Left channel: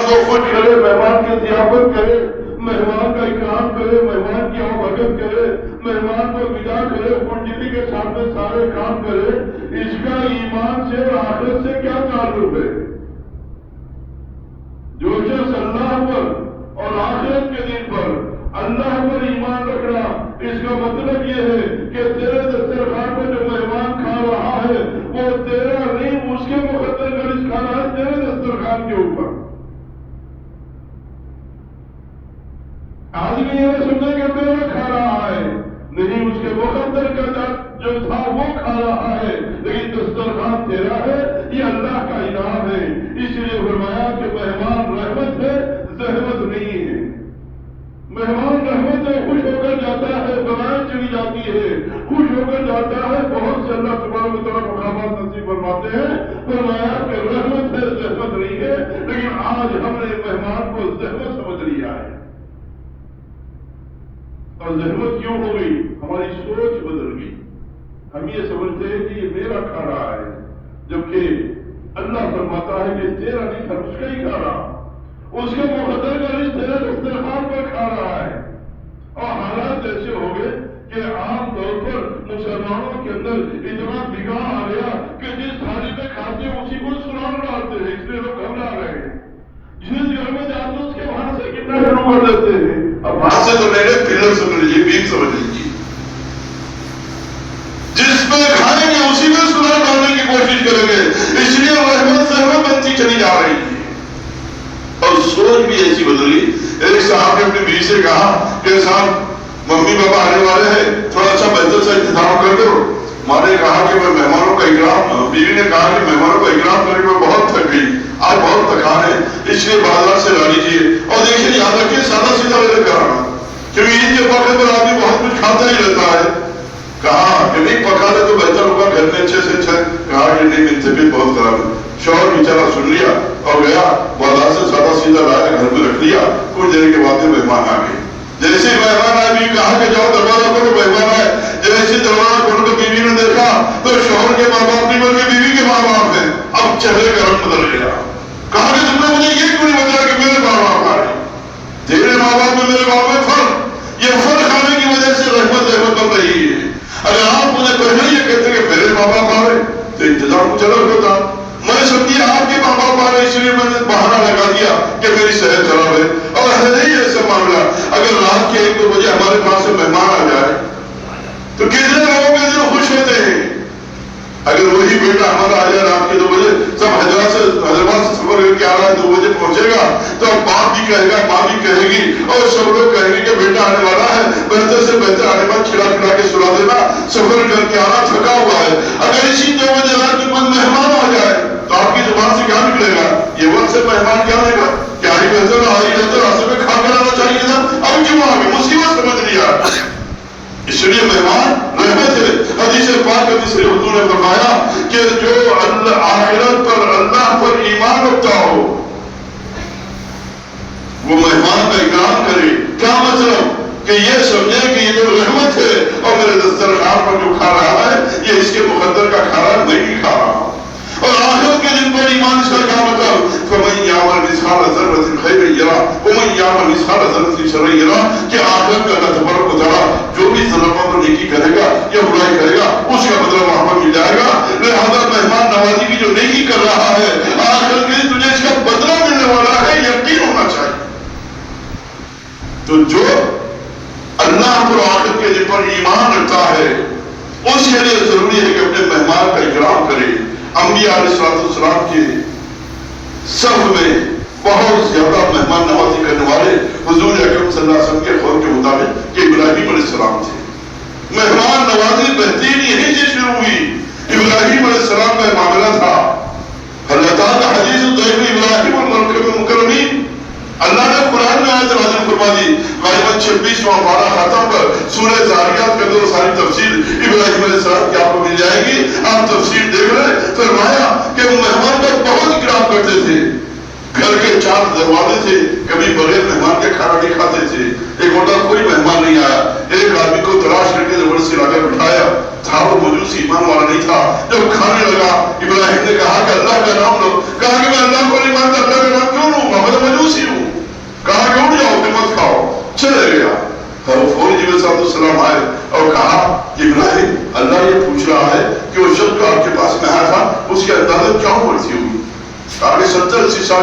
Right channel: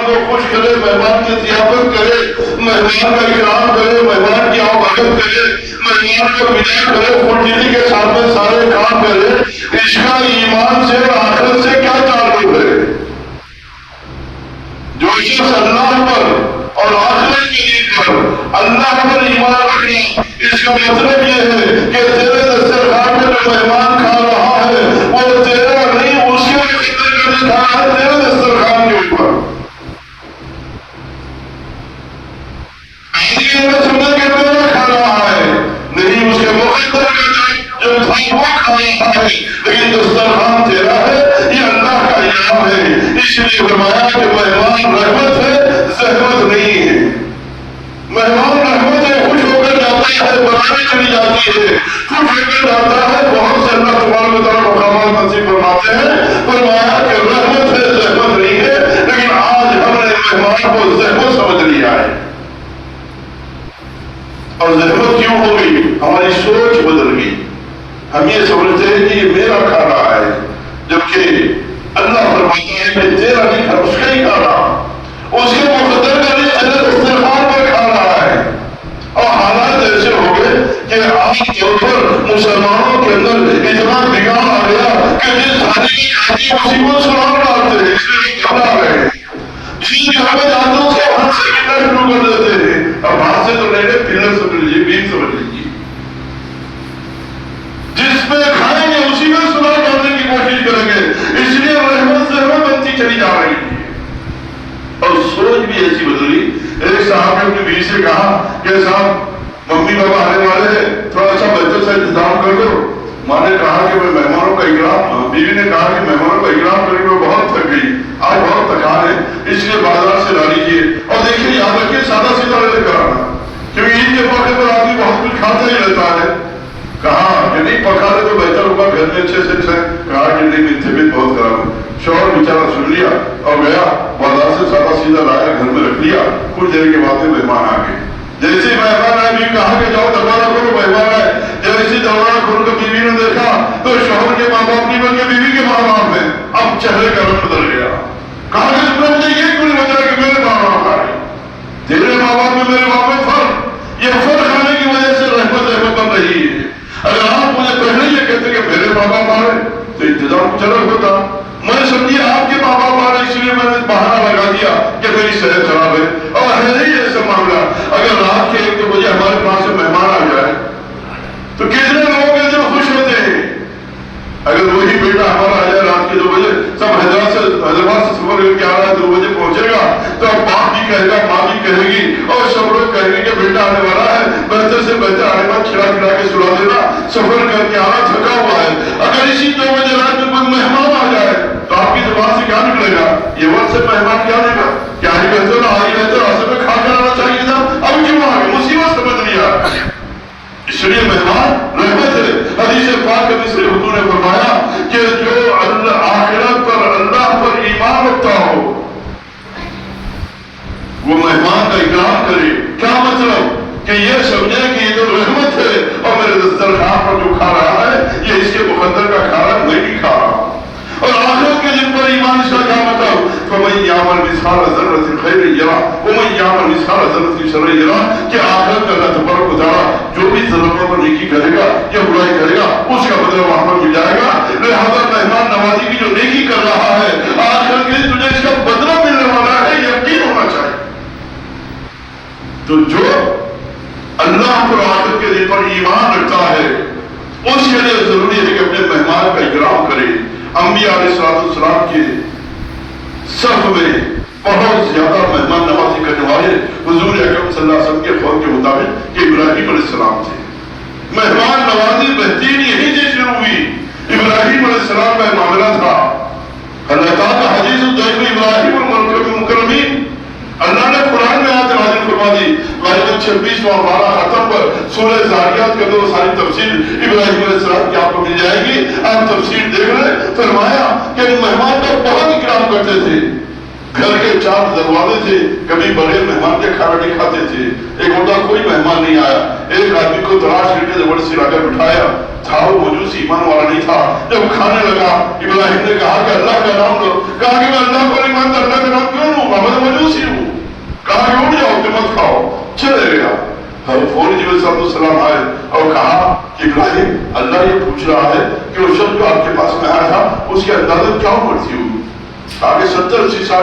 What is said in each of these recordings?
کو خوش کرے، مہمان کی ضیافت کرے، مہمان کا اکرام کرے، مہمان کی آمدید کرے، مہمان کو ودا کرے، خوشدلی کے ساتھ میں سارے کام کرے. اس کا ایمان سے اور آخرت سے کیا تعلق ہے؟ جو شخص اللہ پر اور آخرت کے دن پر اللہ پر ایمان رکھنا، اس کا مطلب یہ ہے کہ تیرے دسترخوان میں جو مہمان کھا رہا ہے وہ تیرا نہیں، اس کے مقدر کا دکھانا ہے تیرے دسترخوان کے اوپر. آدمی نے سمجھا کہ میرا کھا رہا ہے، نہیں، اس کے مقدر کا جو تھا وہ کھا رہا ہے، لیکن دسترخوان تیرا ہے. یہ اللہ کا انعام ہے. اس لیے فرمایا کہ مہمان رحمت ہے، زحمت نہیں ہے. مہمان رحمت ہے، خوش ہو کر جاتا ہے، بنانے چلی جاتی ہے، خوش ہو کر جاتا ہے. بہت سے اللہ تبارک و تعالیٰ مقامات نصیب فرماتے ہیں. فرمایا کہ رحمت ہے، زحمت نہیں ہے. لیکن آج ہم نے مہمان کو زحمت سمجھ لیا ہے. اور زحمت کیوں ہو گئی؟ ہماری سوچ بدل گئی. ہم یہ سمجھتے ہیں کہ یہ میرا کھا رہا ہے، جبکہ اللہ فرماتا ہے کہ تیرا نہیں کھا، اس کا ہی کھا رہا. اس کے مقدر کا نہیں تیرے دسترخوان پر کھا رہا ہے. اور حالات ایسے ہو گئے کہ عام طور پر مسلمانوں کے اندر اتنا بگاڑ آ گیا کہ جس تھالی کی کھاتی ہے اسی کو سلام ڈالتے ہیں. اس لیے لوگ گھبرا رہے ہیں. جس جگہ میں جاتے ہیں اس کے ہاتھ سے کتنا شروع کر دیتے ہیں. اب ہاتھ سے تو نہیں رہے، پلر سمجھ لیجیے، بیم سمجھ لیجیے. جس میں کھائیں گے اسی میں سلام ڈالنے کی کوشش کریں گے. اس لیے رحمت زحمت بنتی چلی جا رہی ہے. اور سوچ بھی ایسی بدلی. ایک صاحب نے اپنی بیوی سے کہا کہ صاحب ممی پاپا آنے والے ہیں، تھوڑا سا بہتر سے انتظام کر دو. ماں نے کہا کہ میں مہمانوں کا اکرام، بیوی نے کہا کہ مہمانوں کا اکرام کرنے میں بہت تھک گئی، آج بہت تھکان ہے، اس لیے بازار سے لا لیجیے. اور دیکھیے یاد رکھیے سادہ سیدھا لے کر آنا، کیونکہ عید کے موقع پر آدمی بہت کچھ کھاتا ہی رہتا ہے. کہا کہ نہیں پکا لے تو بہتر ہوگا، گھر میں اچھے سے اچھا. کہا کہ نہیں میری طبیعت بہت خراب ہے. شوہر بیچارہ سن لیا اور گیا بازار سے سادہ سیدھا لایا، گھر میں رکھ لیا. کچھ دیر کے بعد مہمان آ گئے. جیسے مہمان آئے بھی کہا کہ جاؤ دروازہ کھولو، مہمان آئے. جیسے دروازہ کھولو تو بیوی نے دیکھا تو شوہر کے ماں باپ نہیں بلکہ بیوی کے ماں باپ ہیں. اب چہرے کا رنگ بدل گیا. کہا کہ تم نے مجھے یہ کیوں نہیں بتایا کہ میرے ماں باپ آئے؟ تیرے ماں باپ میں میرے باپ میں فرق. یہ فرق آنے کی وجہ سے رحمت بن رہی ہے. اگر آپ مجھے پہلے یہ کہتے کہ میرے ماں باپ آ رہے تو انتظام کچھ الگ ہوتا. میں سمجھیے آپ کے ماں باپ آ رہے اس لیے میں نے بہانہ لگا دیا کہ میری صحت خراب ہے. اور ہے نہیں ایسا معاملہ. اگر رات کے 1-2 بجے ہمارے پاس سے مہمان آ جائے تو کتنے لوگوں کے دل خوش ہوتے ہیں. اگر وہی بیٹا ہمارا آ جائے رات کے 2 بجے، سب حیدرآباد سے سفر کر کے آ رہا ہے، 2 بجے پہنچے گا تو باپ بھی کہے گا، ماں بھی کہے گی، اور سب لوگ کہیں گے کہ بیٹا آنے والا ہے، بہتر سے بہتر آنے بعد کھلا کے سلا دینا، سفر کر کے آنا تھکا ہوا ہے. اگر اسی 2 بجے رات میں کوئی مہمان آ جائے تو آپ کی زبان سے کیا نکلے گا؟ یہ وقت سے مہمان کیا لے گا؟ کیا ہی بہتر آئی بہتر راستے میں کھا کر آنا چاہیے تھا، اب کیوں آ گئے؟ مصیبت سمجھ لیا. اس لیے مہمان رحمت ہے. حدیث پاک حدیث حضور نے فرمایا کہ جو آخرت پر اللہ پر ایمان رکھتا ہو وہ مہمان کا اکرام کرے. کیا مطلب؟ کہ یہ سمجھے کہ یہ جو رحمت ہے اور میرے دسترخوان پر جو کھا رہا ہے یہ اس کے مقدر کا کھا رہا نہیں کھا رہا. اور آخرت کے دن پر ایمان اس کا کیا مطلب؟ فَمَنْ يَعْمَلْ مِثْقَالَ ذَرَّةٍ خَيْرًا يَرَهُ وَمَنْ يَعْمَلْ مِثْقَالَ ذَرَّةٍ شَرًّا يَرَهُ. کہ آخرت میں اللہ تبارک و تعالیٰ جو بھی ذرہ پر نیکی کرے گا یا برائی کرے گا اس کا بدلہ وہاں پر مل جائے گا. لہذا مہمان نوازی کی جو نیکی کر رہا ہے آخرت کے دن تجھے اس کا بدلہ ملنے والا ہے، یقین ہونا چاہیے. تو جو اللہ پر آخرت کے دن پر ایمان رکھتا ہے اس کے لیے ضروری ہے کہ اپنے مہمان کا اکرام کرے. انبیاء علیہ السلام کے صف میں بہت زیادہ مہمان نوازی کرنے والے حضور اکرم صلی اللہ علیہ وسلم کے قول کے مطابق کہ ابراہیم علیہ السلام تھے. مہمان نوازی بہترین یہی سے شروع ہوئی. ابراہیم علیہ السلام کا معاملہ تھا. اللہ تعالیٰ حدیث الضیف ابراہیم المکرمین، اللہ نے قرآن میں آیت نازل فرما دی. غالباً 26واں پارہ ختم پر سورہ ذاریات کا دو ساری تفصیل ابراہیم علیہ السلام کی آپ کو مل جائے گی. آپ تفصیل دیکھ لیں. فرمایا کہ مہمان کا بہت اکرام کرتے تھے. گھر کے 4 دروازے تھے، کبھی بغیر مہمان کے کھانا نہیں کھاتے تھے. ایک مرتبہ کوئی مہمان نہیں آیا، ایک آدمی کو تلاش کر کے زبردستی لا کر بٹھایا تھا. وہ مجوسی ایمان والا نہیں تھا. جب کھانے لگا ابراہیم نے کہا کہ اللہ کا نام لو. کہا کہ میں اللہ کو نہیں مانتا، اللہ کا نام کیوں لوں؟ محمد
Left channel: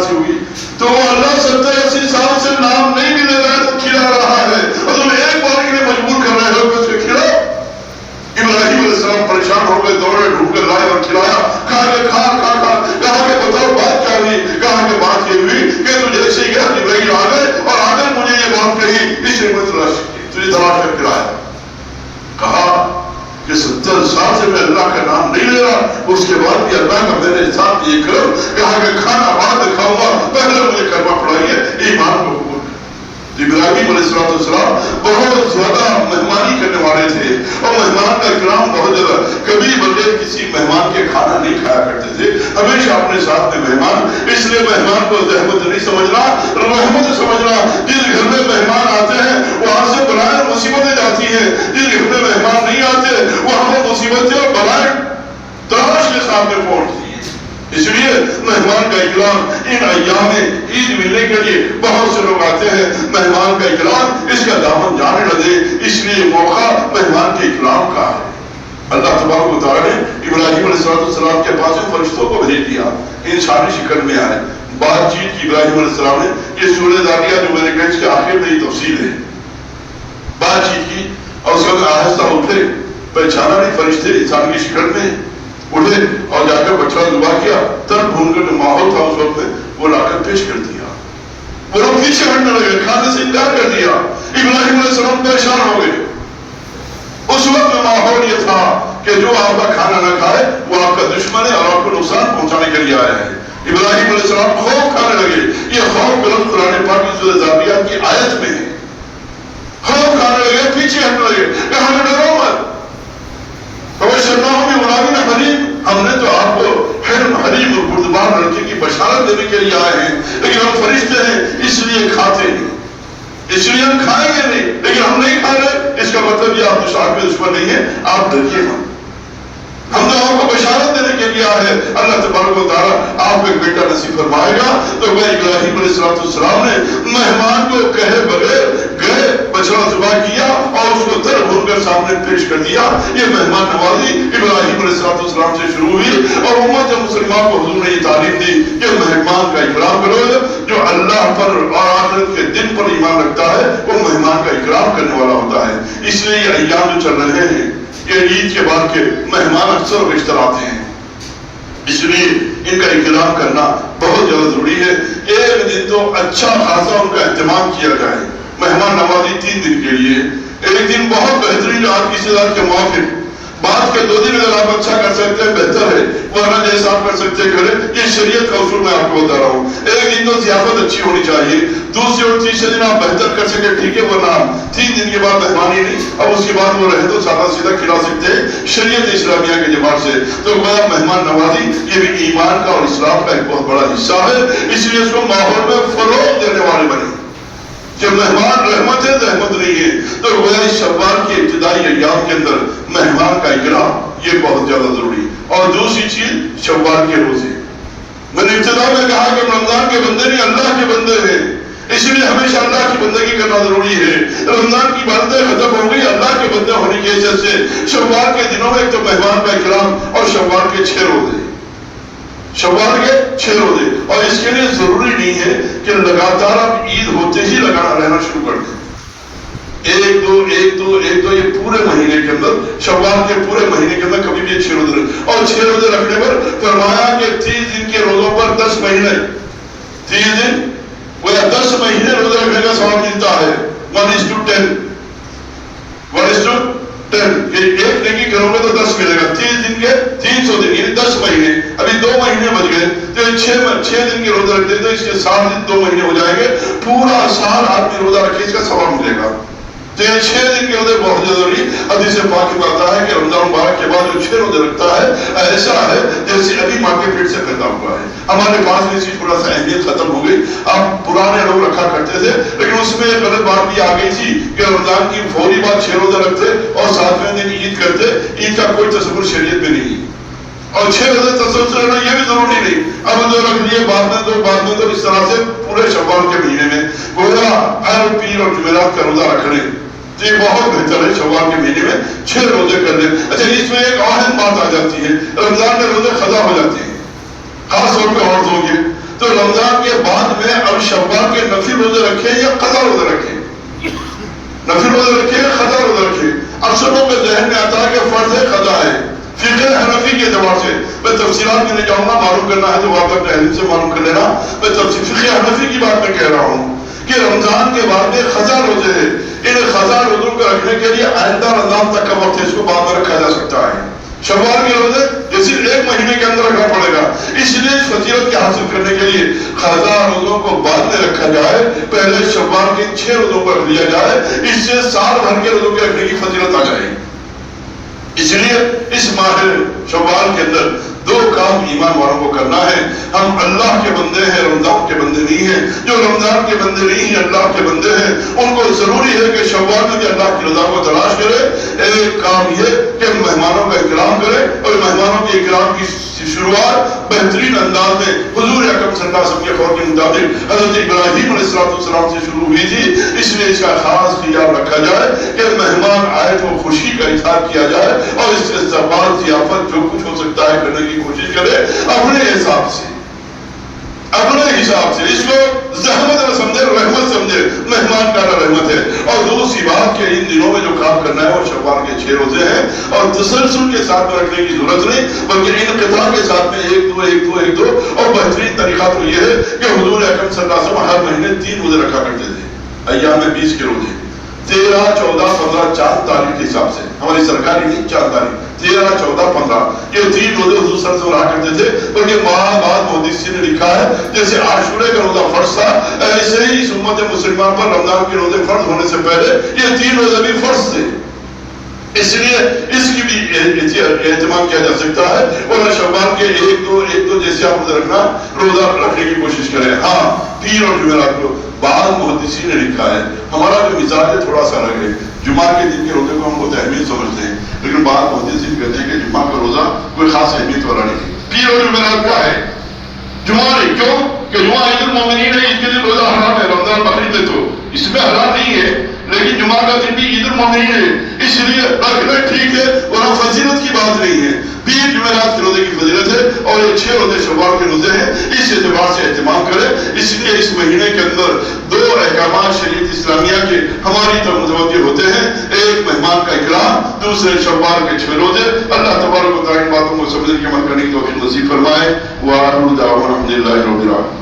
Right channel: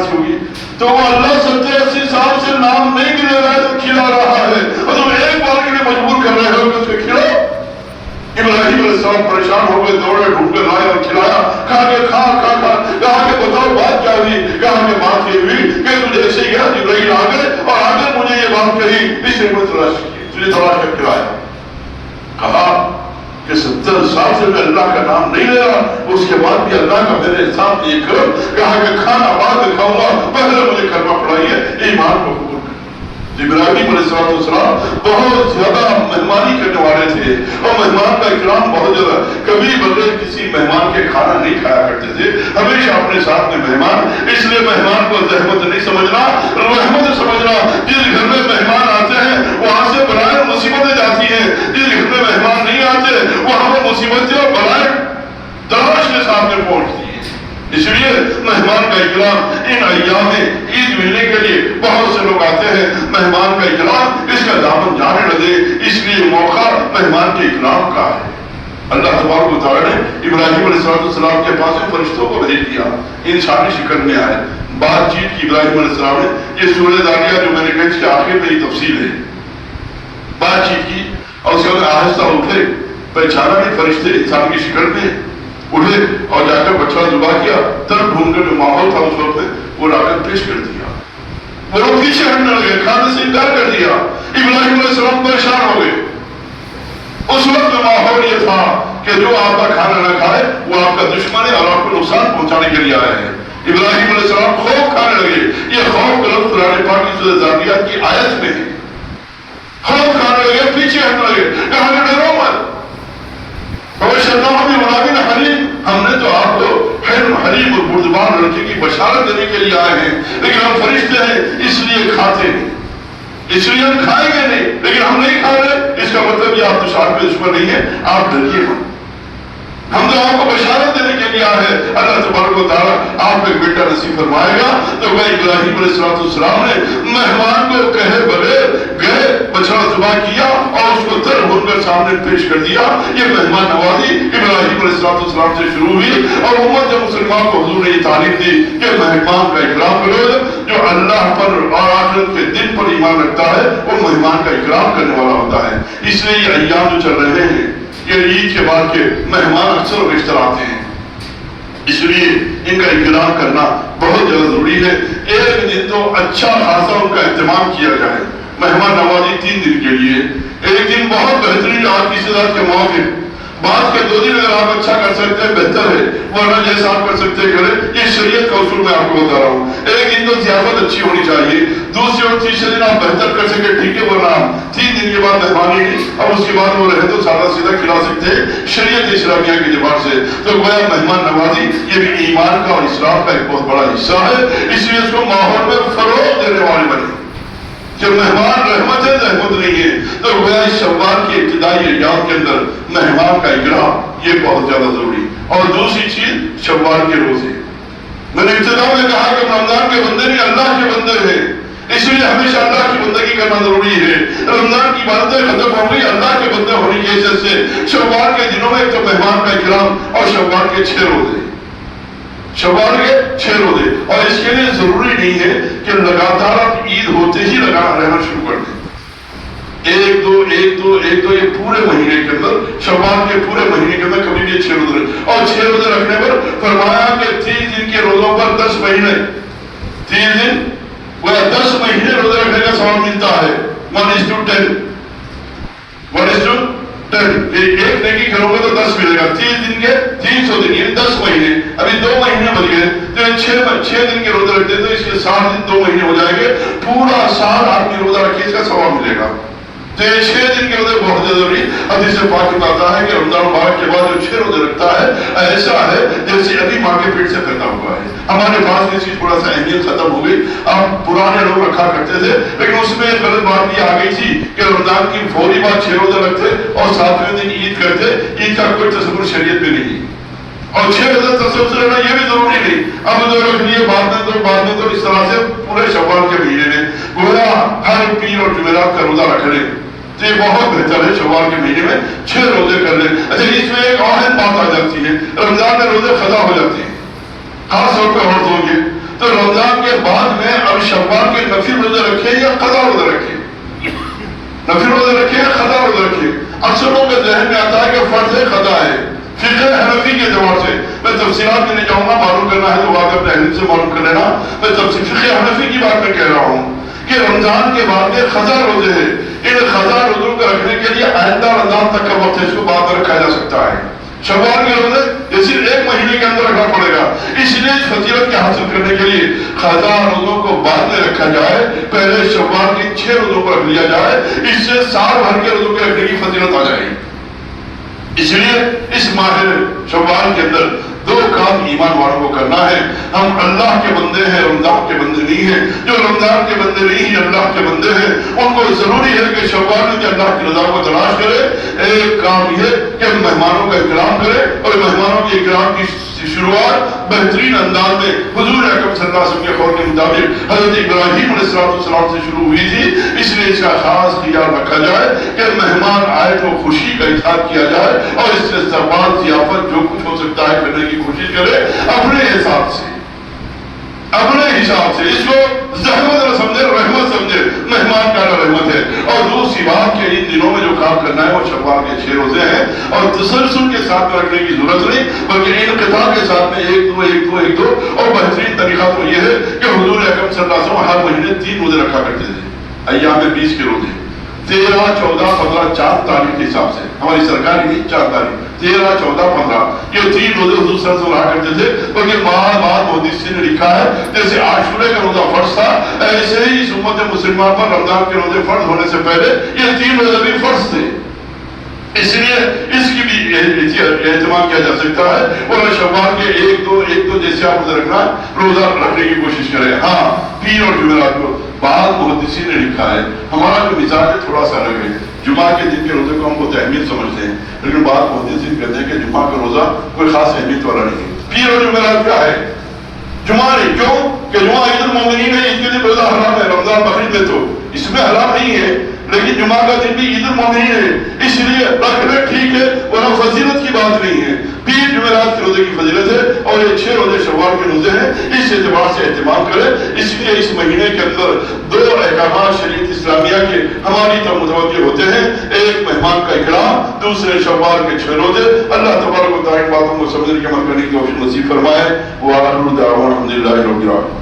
تھی ہوگی تو وہ اللہ 70-80 سال سے نام نہیں بھی لے رہا ہے تو کھلا رہا ہے اور تم ایک بار کے لیے مجبور کر رہے ہو کہ اس کو کھلاؤ. ابراہیم علیہ السلام پریشان ہو گئے, دوڑے ڈھونڈ کے لائے اور کھلایا. کہا کہ کھا. کہا کہ بتاؤ بات کیا ہوئی. کہا کہ بات یہ ہوئی کہ تو جیسے ہی گیا جبرائیل آ گئے اور آ کر مجھے یہ بات کہی, اس نے مجھے تجھے تلاش کر کھلایا. کہا کہ 70 سال سے میں اللہ کا نام نہیں لے رہا, اس کے بعد بھی اللہ کا میرے ساتھ یہ کرو. کہا کہ کھانا بعد میں کھاؤں گا, پہلے مجھے کلمہ پڑھائیے, ایمان کو قبول. ابراہیم علیہ السلام بہت زیادہ مہمانی کرنے والے تھے اور مہمان کا اکرام بہت زیادہ. کبھی بغیر کسی مہمان کے کھانا نہیں کھایا کرتے تھے, ہمیشہ اپنے ساتھ میں مہمان. اس لیے مہمان کو زحمت نہیں سمجھنا, رحمت سمجھنا. جس گھر میں مہمان آتے ہیں وہاں سے بلائیں مصیبتیں جاتی ہیں, جس گھر میں مہمان نہیں آتے وہاں وہ مصیبتیں اور بلائیں تلاش کے سامنے پہنچتی ہیں. اس لیے مہمان کا اکرام ان ایام میں عید ملنے کے لیے بہت سے لوگ آتے ہیں. مہمان کا اکرام اس کا دامن جانے نہ دے, اس لیے موقع مہمان کے اکرام کا ہے. اللہ تبارک و تعالیٰ نے ابراہیم علیہ السلام کے پاس فرشتوں کو بھیج دیا, انسانی شکل میں آئے, بات چیت کی ابراہیم علیہ السلام نے. یہ سورہ ذاریہ جو میں نے کہا اس کے آخر میں یہ تفصیل ہے. بات چیت کی اور اس وقت آہستہ اٹھے, پہچانا نہیں فرشتے انسان کی شکل میں, اٹھے اور جا کر بچہ ذبح کیا. طرف ڈھونڈ کر جو ماحول تھا اس وقت میں وہ لا کر پیش کر دیا. وہ لوگ پیچھے ہٹنے لگے, کھانے سے انکار کر دیا. ابراہیم علیہ السلام پریشان ہو گئے. اس وقت ماحول یہ تھا کہ جو آپ کا کھانا نہ کھائے وہ آپ کا دشمن ہے اور آپ کو نقصان پہنچانے کے لیے آئے ہیں. ابراہیم علیہ السلام خوف کھانے لگے. یہ خوف لفظ قرآن پاک کی سورہ ذاریہ کی آیت میں ہے. خوف کھانے لگے, پیچھے ہٹنے لگے. کہا کہ ڈرو مت, ہم نے تو آپ کو حلم حلیم اور بردبار لڑکے کی بشارت دینے کے لیے آئے ہیں, لیکن ہم فرشتے ہیں اس لیے کھاتے ہیں, اس لیے ہم کھائیں گے نہیں, لیکن ہم نہیں کھا رہے. اس کا مطلب یہ آپ دشمن کے دشمن نہیں ہے, آپ ڈریے مت. ہم تو آپ کو بشارت دینے کے لیے آئے ہیں. اللہ تبارک و تعالیٰ آپ کو ایک بیٹا نصیب فرمائے گا. تو میں ابراہیم علیہ السلام نے مہمان کو کہے بغیر گئے, بچڑا ذبح کیا اور اس کو در بھون کر سامنے پیش کر دیا. یہ مہمان نوازی ابراہیم علیہ السلام سے شروع ہوئی اور امت مسلمان کو حضور نے یہ تعلیم دی کہ مہمان کا اکرام کرو. جو اللہ پر اور آخرت کے دن پر ایمان رکھتا ہے وہ مہمان کا اکرام کرنے والا ہوتا ہے. اس لیے یہ ایام جو چل رہے ہیں یہ عید کے بعد کے مہمان اکثر رشتہ آتے ہیں, اس لیے ان کا اکرام کرنا بہت زیادہ ضروری ہے. ایک دن تو اچھا خاصا ان کا اہتمام کیا جائے. مہمان نوازی 3 دن کے لیے, ایک دن بہت بہترین آپ کی صدارت کے موقع, بعد کے 2 دن اگر آپ اچھا کر سکتے ہیں بہتر ہے, ورنہ جیسا آپ کر سکتے ہیں کریں. یہ شریعت کا اصول میں آپ کو بتا رہا ہوں. ایک دن تو ضیافت اچھی ہونی چاہیے, دوسرے اور تیسرے دن آپ بہتر کر سکے ٹھیک ہے, ورنہ 3 دن کے بعد مہمانی نہیں, اب اس کے بعد وہ رہے تو سادہ سیدھا کھلا سکتے ہیں شریعت اسلامیہ کے اعتبار سے. تو گویا مہمان نوازی یہ بھی ایمان کا اور اسلام کا ایک بہت بڑا حصہ ہے. اس لیے اس کو ماحول میں فروغ دینے والے بنے. جب مہمان رحمت ہے رحمت نہیں ہے, تو گویا اس شوال کی ابتدائی ایام کے اندر مہمان کا اکرام یہ بہت زیادہ ضروری. اور دوسری چیز شوال کے روزے. میں نے ابتدا میں کہا کہ رمضان کے بندے نہیں اللہ کے بندے ہیں, اس لیے ہمیشہ اللہ کی بندگی کرنا ضروری ہے. رمضان کی باتیں ختم ہو گئی, اللہ کے بندے ہونے کی حیثیت سے شوال کے دنوں میں ایک تو مہمان کا اکرام اور شوال کے 6 روزے, شوال کے 6 روزے. اور اس کے لیے ضروری نہیں ہے کہ لگاتار آپ عید ہوتے ہی لگانا رہنا شروع کر دیں. ایک دو یہ پورے مہینے کے اندر, شوال کے پورے مہینے کے اندر کبھی بھی 6 روزے, اور 6 روزے رکھنے پر فرمایا کہ 30 دن کے روزوں پر 10 مہینے, 30 دن 10 مہینے روزے رکھنے کا ثواب ملتا ہے. 1:10 ایک نیکی کرو گے تو 10 ملے گا. 30 دن کے 300 دن یعنی 10 مہینے. ابھی 2 مہینے بچ گئے تو 6 دن کے روزے رکھتے تو اس کے 7 دن 2 مہینے ہو جائیں گے. پورا سال آپ نے روزہ رکھے اس کا ثواب ملے گا. تو یہ 6 دن کے روزے بہت ضروری. حدیث پاک میں آتا ہے کہ رمضان مبارک کے بعد جو 6 روزے رکھتا ہے ایسا ہے جیسے ابھی ماں کے پیٹ سے پیدا ہوا ہے. ہمارے پاس اس کی تھوڑا سا اہمیت ختم ہو گئی. آپ پرانے لوگ رکھا کرتے تھے, لیکن اس میں ایک غلط بات یہ آ گئی تھی کہ رمضان کی فوری بعد 6 روزے رکھتے اور 7ویں دن عید کرتے. عید کا کوئی تصور شریعت میں نہیں, اور 6 روزے تصور رہنا یہ بھی ضروری نہیں. اب جو رکھ لیے بعد میں تو اس طرح سے پورے شوال کے مہینے میں گویا ہر پیر اور جمعرات کا روزہ رکھ لیں. یہ بہت بہتر ہے. شوال کے مہینے میں 6 روزے کر لیں. اچھا, اس میں ایک اہم بات آ جاتی ہے, رمضان میں روزے قضا ہو جاتے ہیں, خاص طور پہ عورتوں کے. تو رمضان کے بعد میں اب شوال کے نفل روزے رکھیں یا قضا روزے رکھیں؟ نفل روزے رکھیں یا قضا روزے رکھیں؟ اکثر لوگوں کے ذہن میں آتا ہے کہ فرض ہے قضا ہے، فقہ حنفی کے اعتبار سے میں تفصیلات میں نہیں جاؤں گا، معلوم کرنا ہے تو واقعہ اپنے علم سے معلوم کر لینا. میں تفصیل فقہ حنفی کی بات میں کہہ رہا ہوں کہ رمضان کے بعد میں قضا روزے ہیں، ان قضا روزوں کو رکھنے کے لیے آئندہ رمضان تک کا وقت ہے، اس کو بعد میں رکھا جا سکتا ہے. شوال کے روزے یہ صرف ایک مہینے کے اندر رکھنا پڑے گا، اس لیے فضیلت کے حاصل کرنے کے لیے قضا روزوں کو بعد میں رکھا جائے، پہلے شوال کے 6 روزوں کو رکھ لیا جائے، اس سے سال بھر کے روزوں کے رکھنے کی فضیلت آ جائے گی. اس لیے اس ماہ شوال کے اندر 2 کام ایمان والوں کو کرنا ہے. ہم اللہ کے بندے ہیں، رمضان کے بندے نہیں ہیں. جو رمضان کے بندے نہیں ہیں، اللہ کے بندے ہیں، ان کو ضروری ہے کہ شوال میں اللہ کی رضا کو تلاش کرے. ایک کام یہ کہ مہمانوں کا اکرام کرے، اور مہمانوں کے اکرام کی شروعات بہترین انداز میں حضور اکرم صلی اللہ علیہ وسلم کے قول کے مطابق حضرت ابراہیم علیہ السلام سے شروع ہوئی تھی. اس لیے اس کا خاص خیال رکھا جائے کہ مہمان آئے تو خوشی کا اظہار کیا جائے، اور اس سے استقبال ضیافت جو کچھ ہو سکتا ہے کرنے کی کوشش کرے اپنے حساب سے، اپنے حساب سے. اس کو زحمت نہ سمجھے، رحمت سمجھے. مہمان کا رحمت ہے. اور دوسری بات کہ ان دنوں میں جو کام کرنا ہے وہ شوال کے 6 روزے ہیں، اور تسلسل کے ساتھ میں رکھنے کی ضرورت نہیں، بلکہ انقطاع کے ساتھ میں ایک دو. اور بہترین طریقہ تو یہ ہے کہ حضور اکرم صلی اللہ علیہ وسلم ہر مہینے 3 روزے رکھا کرتے تھے. ایام 20 کے روزے 13، 14، 15، 4 تاریخ کے حساب سے، ہماری سرکاری نہیں، 4 تاریخ 13، 14، 15 یہ 3 روزے حضور صلی اللہ علیہ وسلم رہا کرتے تھے. بلکہ بعد محدثین نے لکھا ہے جیسے عاشورے کا روزہ فرض تھا، ایسے ہی اس امت مسلمان پر رمضان کے روزے فرض ہونے سے پہلے یہ 3 روزے بھی فرض تھے. اس لیے اس کی بھی اہتمام کیا جا سکتا ہے. اور شوال کے ایک دو جیسے آپ روزہ رکھنا، روزہ رکھنے کی کوشش کریں. ہاں، پیر اور جمعرات کو بعض محدثین نے لکھا ہے، ہمارا جو مزاج ہے تھوڑا سا الگ ہے. جمعہ کے دن کے روزے کو ہم بہت اہمیت سمجھتے ہیں، لیکن بعض محدثین کہتے ہیں کہ جمعہ کا روزہ کوئی خاص اہمیت والا نہیں ہے. پیر اور جمعرات کا ہے، جمعہ نہیں. کیوں کہ جمعہ عید المومنین ہے، اس کے دن روزہ حرام ہے. رمضان بقرعید ہے تو اس میں حرام نہیں ہے، لیکن جمعہ کا دن بھی عید المومنین ہے، اس لیے رکھنا ٹھیک ہے، ورنہ فضیلت کی بات نہیں ہے. پیر جمعرات کے روزے کی فضیلت ہے، اور یہ 6 روزے شوال کے روزے ہیں. اس اعتبار سے اہتمام کریں. اس لیے اس مہینے کے اندر 2 احکامات شریعت اسلامیہ کے ہماری طرف متوجہ ہوتے ہیں. ایک مہمان کا اکرام، دوسرے شوال کے 6 روزے. اللہ تبارک و تعالی باتوں کو سمجھنے کے عمل کرنے کی توفیق نصیب فرمائے. وآخر دعوانا الحمدللہ رب العالمین.